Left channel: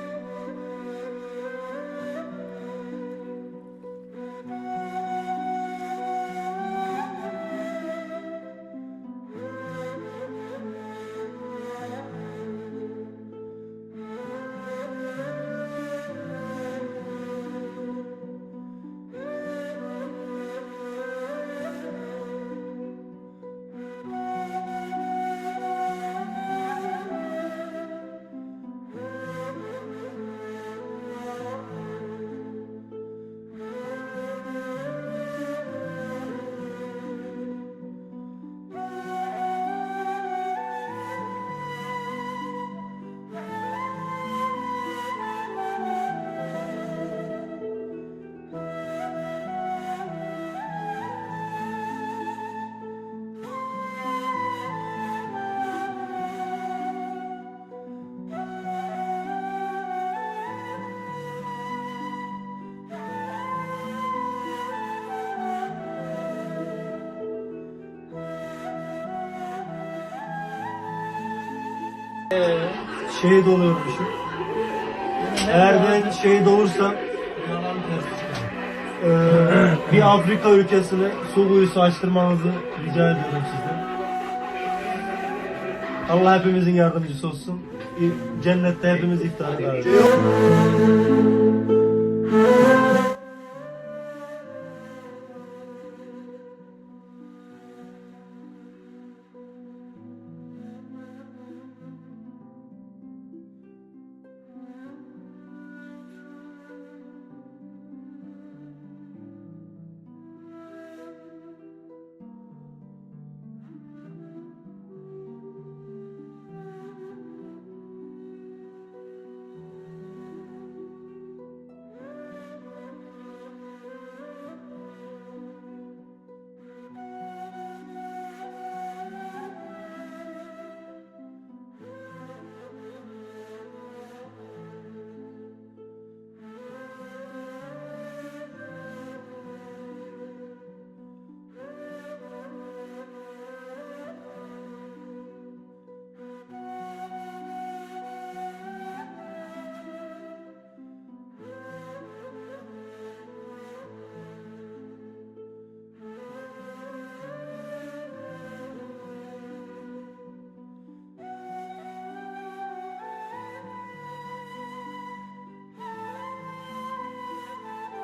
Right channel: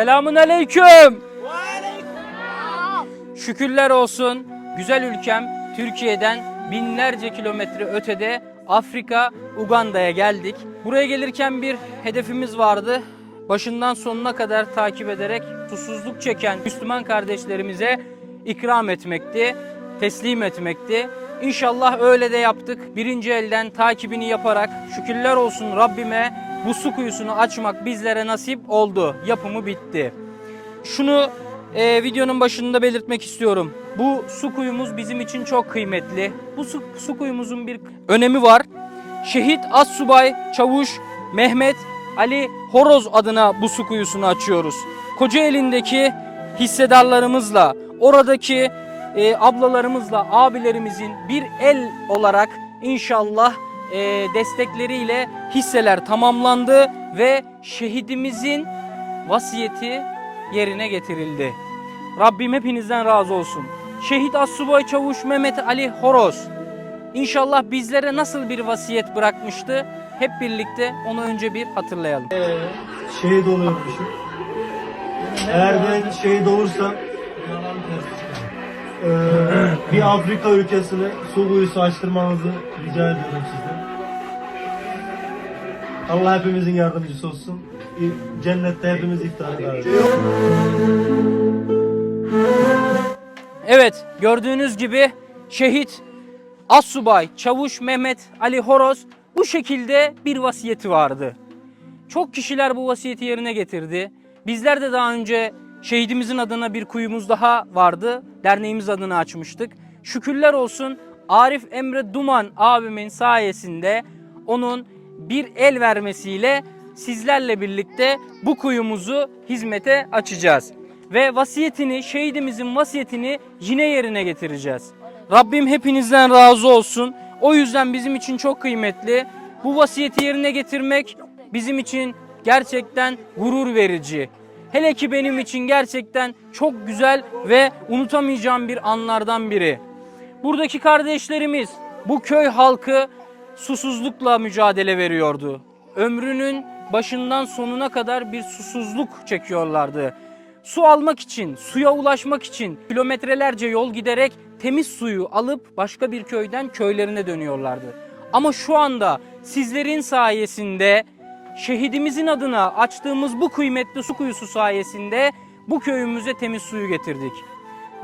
Selamun aleyküm. Şükürler olsun güzel ülkem Türkiye'den binlerce kilometre ötede Afrika, Uganda'ya geldik. Buraya gelirken bir hedefimiz vardı. Başından sonuna kadar takip ederek susuzluk çeken Müslüman kardeşlerimize ikram etmekti, teslim etmekti. İnşallah öyle de yaptık. Birinci elden takibini yaparak şükürler olsun Rabbime bu su kuyusunu açmak bizlere nasip oldu. Yapımı bitti. Şunu e, videonun başında belirtmek istiyorum. Bu su kuyumuz bizim için çok kıymetli. Bu su, su kuyumuzun bir önemi var. Şehit Assubay Çavuş Mehmet Ali Horoz adına bu su kuyusunu açıyoruz. Kocaeli'ndeki hissedarlarımızla, oradaki e, ablalarımızla, abilerimizin bir el olarak inşallah e, destekleriyle hisseler tamamlandı ve şehidimizin vasiyeti yerine getirildi. Rabbim hepinizden razı olsun. Şehit Assubay Çavuş Mehmet Ali Horoz İnşallah bizlere nasıl bir vasiyet bırakmıştı? Hep birlikte onu önce bir hatırlayalım. şehit oluyormuşum. Eğer ben şehit olursam eee, bir Afrika ülkesine su kuyusu açtırmanızı rica ediyorum sizden. Allah hepimizin yardımcısı olsun. Cennette hepimiz iftara davet Evet, gördüğünüz gibi şehit Assubay Çavuş Mehmet Ali Horoz bu şekilde bir vasiyeti vardı. Çok kişiler bu vasiyeti yerine getirdi. Bizler de daha önce şehidimizin adına bir kuyumuz daha vardı. Derneğimiz adına açmıştık. Şükürler olsun Arif Emre Duman abimin sayesinde onun bir el vermesiyle sizlerle birlikte bu kuyumuzu hizmete açacağız. Ve vasiyetini, şehidimizin vasiyetini yine yerine getireceğiz. Rabbim hepinizden razı olsun. O yüzden bizim için çok kıymetli. Bu vasiyeti yerine getirmek bizim için gerçekten gurur verici. Hele ki benim için gerçekten çok güzel ve unutamayacağım bir anlardan biri. Buradaki kardeşlerimiz, bu köy halkı susuzlukla mücadele veriyordu. Ömrünün başından sonuna kadar bir susuzluk çekiyorlardı. Su almak için, suya ulaşmak için kilometrelerce yol giderek temiz suyu alıp başka bir köyden köylerine dönüyorlardı. Ama şu anda sizlerin sayesinde şehidimizin adına açtığımız bu kıymetli su kuyusu sayesinde bu köyümüze temiz suyu getirdik.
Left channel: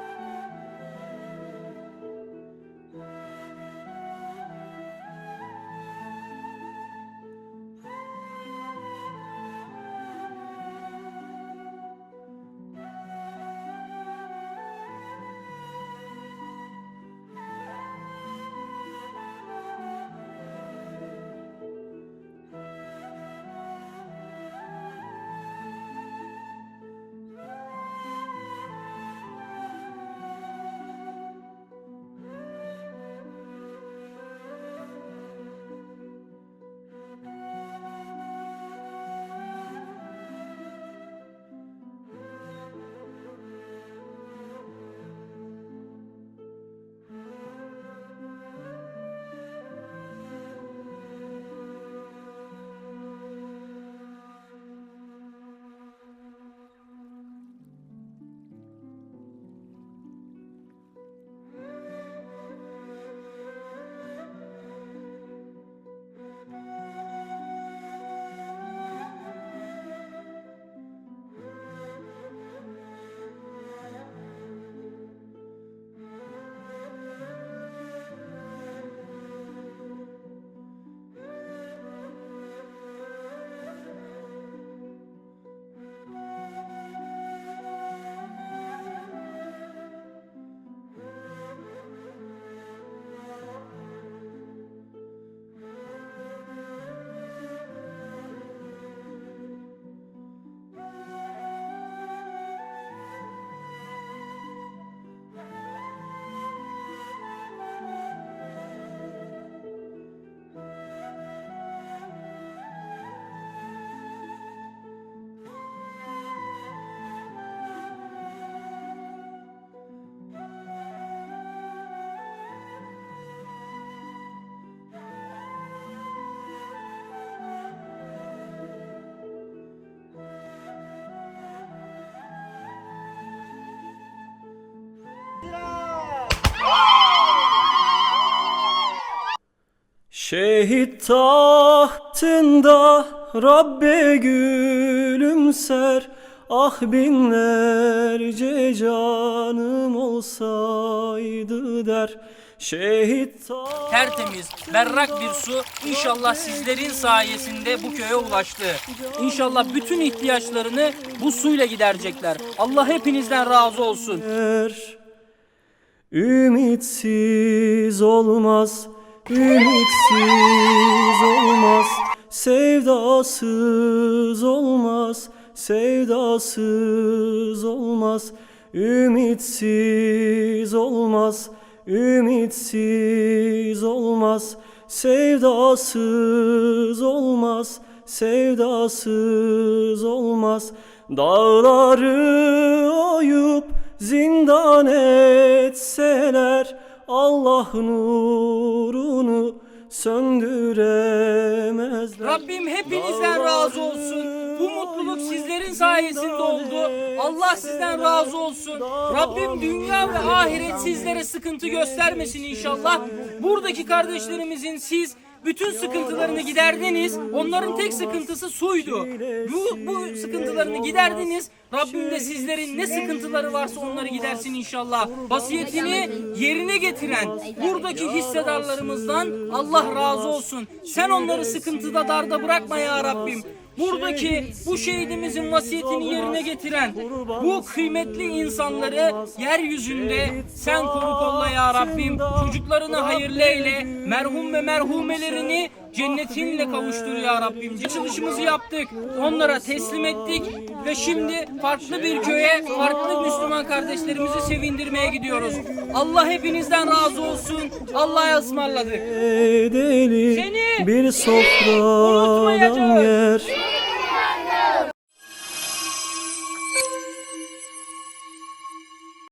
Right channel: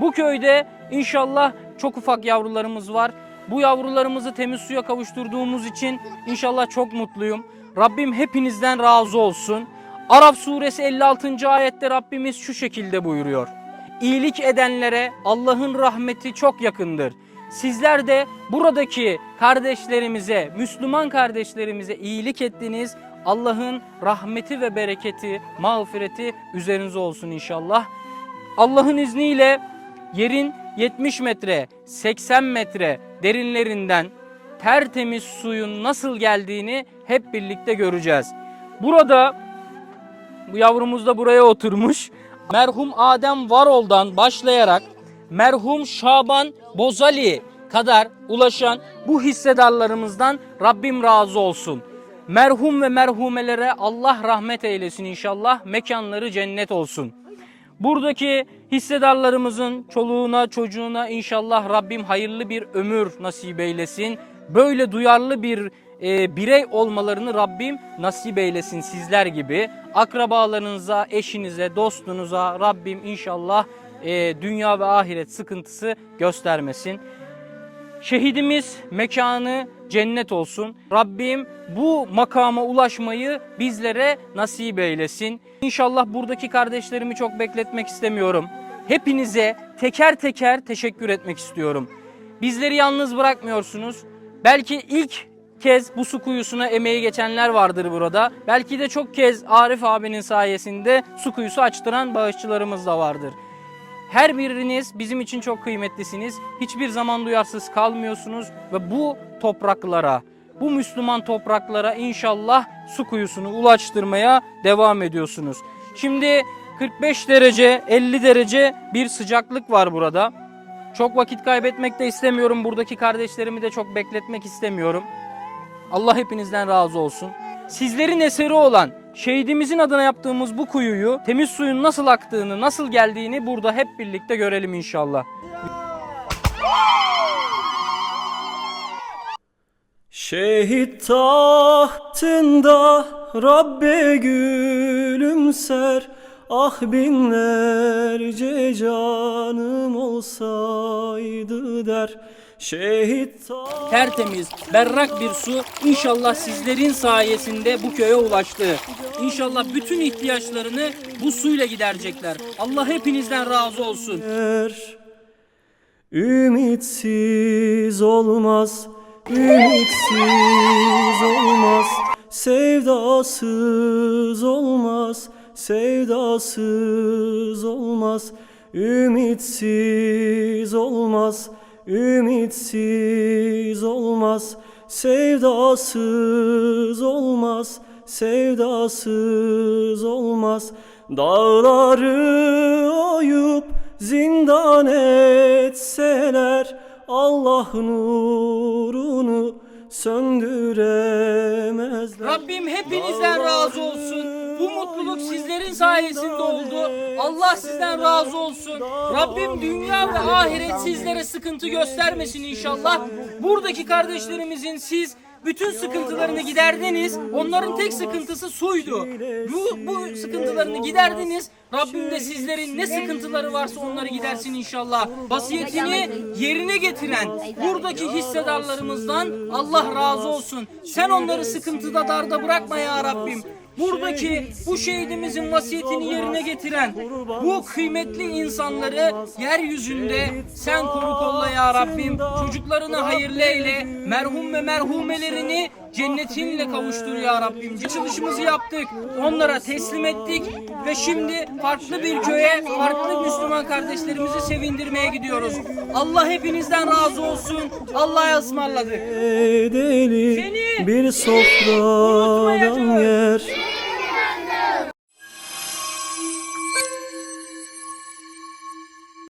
Bu köyde inşallah çok ufak yavrularımız var. Bu yavrularımızı temiz suya kavuşturduğumuz için inşallah çok mutluyum. Rabbim hepinizden razı olsun. Arap suresi 56. ayette Rabbimiz şu şekilde buyuruyor. İyilik edenlere Allah'ın rahmeti çok yakındır. Sizler de buradaki kardeşlerimize, Müslüman kardeşlerimize iyilik ettiniz. Allah'ın rahmeti ve bereketi, mağfireti üzerinize olsun inşallah. Allah'ın izniyle yerin 70 metre, 80 metre derinlerinden tertemiz suyun nasıl geldiğini hep birlikte göreceğiz. Burada bu yavrumuz da buraya oturmuş. Merhum Adem Varol'dan başlayarak merhum Şaban Bozali kadar ulaşan bu hissedarlarımızdan Rabbim razı olsun. Merhum ve merhumelere Allah rahmet eylesin inşallah. Mekanları cennet olsun. Buradaki hissedarlarımızın çoluğuna çocuğuna inşallah Rabbim hayırlı bir ömür nasip eylesin. Böyle duyarlı bir e, birey olmalarını Rabbim nasip eylesin sizler gibi. Akrabalarınıza, eşinize, dostunuza Rabbim inşallah e, dünya ve ahiret sıkıntısı göstermesin. Şehidimiz mekanı cennet olsun. Rabbim bu makama ulaşmayı bizlere nasip eylesin. İnşallah buradaki kardeşlerimi çok bekletmek istemiyorum. Hepinize teker teker teşekkür etmek istiyorum. Bizleri yalnız bırakmıyorsunuz. Belki ilk kez bu su kuyusuna emeği geçenler vardır burada. Belki de çok kez Arif abinin sayesinde su kuyusu açtıran bağışçılarımız da vardır. Her biriniz bizim için çok kıymetlisiniz. Hiçbir zaman duyarsız kalmıyorsunuz ve bu topraklara, bu Müslüman topraklara inşallah su kuyusunu ulaştırmaya devam ediyorsunuz. Şimdi 45 derece, 50 derece bir sıcaklık var burada. Çok vakit kaybetmek de istemiyorum. Buradaki kardeşlerimi de çok bekletmek istemiyorum. Allah hepinizden razı olsun. Sizlerin eseri olan şehidimizin adına yaptığımız bu kuyuyu temiz suyun nasıl aktığını, nasıl geldiğini burada hep birlikte görelim inşallah. Şehit tahtında Rabbe gülümser Ah binlerce canım olsaydı der Şehit Tertemiz, berrak bir su inşallah sizlerin sayesinde bu köye ulaştı. İnşallah bütün ihtiyaçlarını bu suyla giderecekler. Allah hepinizden razı olsun. Ümitsiz olmaz, ümitsiz olmaz, sevdasız olmaz, sevdasız olmaz, ümitsiz olmaz, ümitsiz olmaz, sevdasız olmaz, sevdasız olmaz. Dağları oyup zindan etseler Allah nurunu söndüremezler. Rabbim hepinizden razı olsun. Bu mutluluk sizlerin sayesinde oldu. Allah sizden razı olsun. Rabbim dünya ve ahiret sizlere sıkıntı göstermesin inşallah. Buradaki kardeşlerimizin siz bütün sıkıntılarını giderdiniz. Onların tek sıkıntısı suydu. Bu, bu sıkıntılarını giderdiniz. Rabbim de sizlerin ne sıkıntıları varsa onları gidersin inşallah. Vasiyetini yerine getiren buradaki hissedarlarımızdan Allah razı olsun. Sen onları sıkıntıda darda bırakma ya Rabbim. Buradaki bu şehidimizin vasiyetini yerine getiren bu kıymetli insanları yeryüzünde sen koru kolla ya Rabbim. Çocuklarını hayırlı eyle. Merhum ve merhumelerini cennetinle kavuştur ya Rabbim. Çalışımızı yaptık. Onlara teslim ettik ve şimdi farklı bir köye, farklı Müslüman kardeşlerimizi sevindirmeye gidiyoruz. Allah hepinizden razı olsun. Allah'a ısmarladık. Seni bir sofradan yer